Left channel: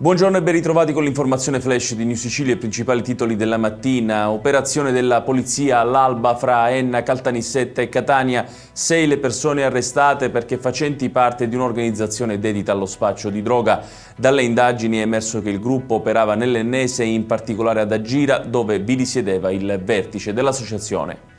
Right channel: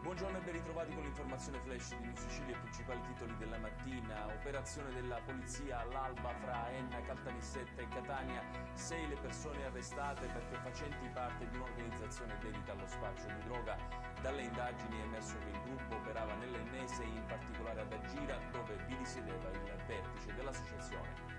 Buongiorno e ben ritrovati con l'informazione flash di New Sicilia e i principali titoli della mattina. Operazione della polizia all'alba fra Enna, Caltanissetta e Catania. 6 le persone arrestate perché facenti parte di un'organizzazione dedita allo spaccio di droga. Dalle indagini è emerso che il gruppo operava nell'Ennese e in particolare ad Agira, dove vi risiedeva il vertice dell'associazione.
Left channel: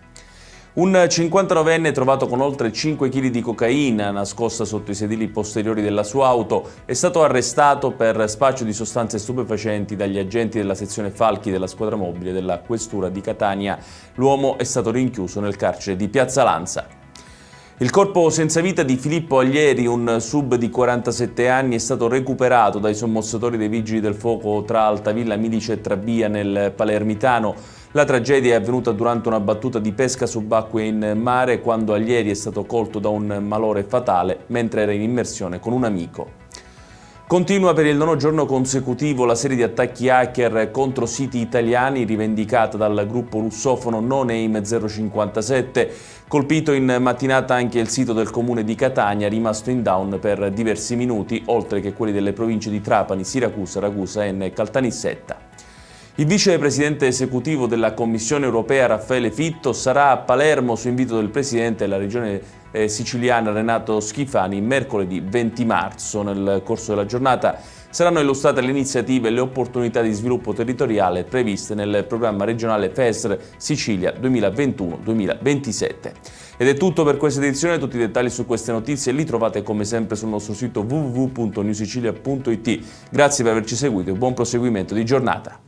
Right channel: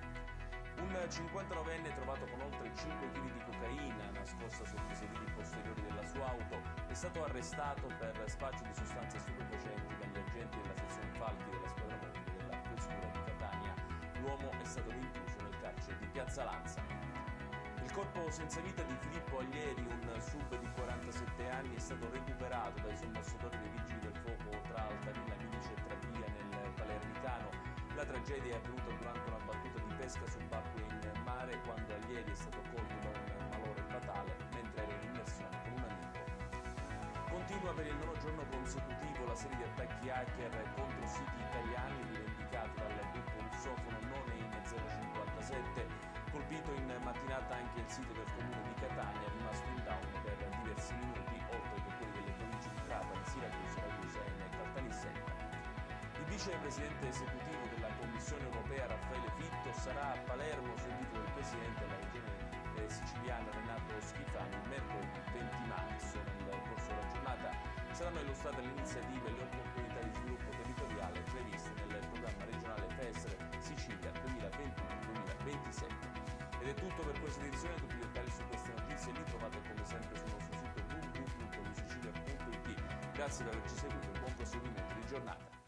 Un 59enne trovato con oltre 5 kg di cocaina nascosta sotto i sedili posteriori della sua auto è stato arrestato per spaccio di sostanze stupefacenti dagli agenti della sezione Falchi della squadra mobile della Questura di Catania. L'uomo è stato rinchiuso nel carcere di Piazza Lanza. Il corpo senza vita di Filippo Aglieri, un sub di 47 anni, è stato recuperato dai sommozzatori dei Vigili del Fuoco tra Altavilla Milice e Trabia nel Palermitano. La tragedia è avvenuta durante una battuta di pesca subacquea in mare quando Aglieri è stato colto da un malore fatale mentre era in immersione con un amico. Continua per il 9° giorno consecutivo la serie di attacchi hacker contro siti italiani rivendicata dal gruppo russofono No Name 057. Colpito in mattinata anche il sito del comune di Catania, rimasto in down per diversi minuti, oltre che quelli delle province di Trapani, Siracusa, Ragusa e Caltanissetta. Il vicepresidente esecutivo della Commissione europea Raffaele Fitto sarà a Palermo su invito del presidente della regione siciliana Renato Schifani mercoledì 20 marzo. Nel corso della giornata saranno illustrate le iniziative e le opportunità di sviluppo territoriale previste nel programma regionale FESR Sicilia 2021-2027. Ed è tutto per questa edizione. Tutti i dettagli su queste notizie li trovate come sempre sul nostro sito www.newsicilia.it. Grazie per averci seguito e buon proseguimento di giornata.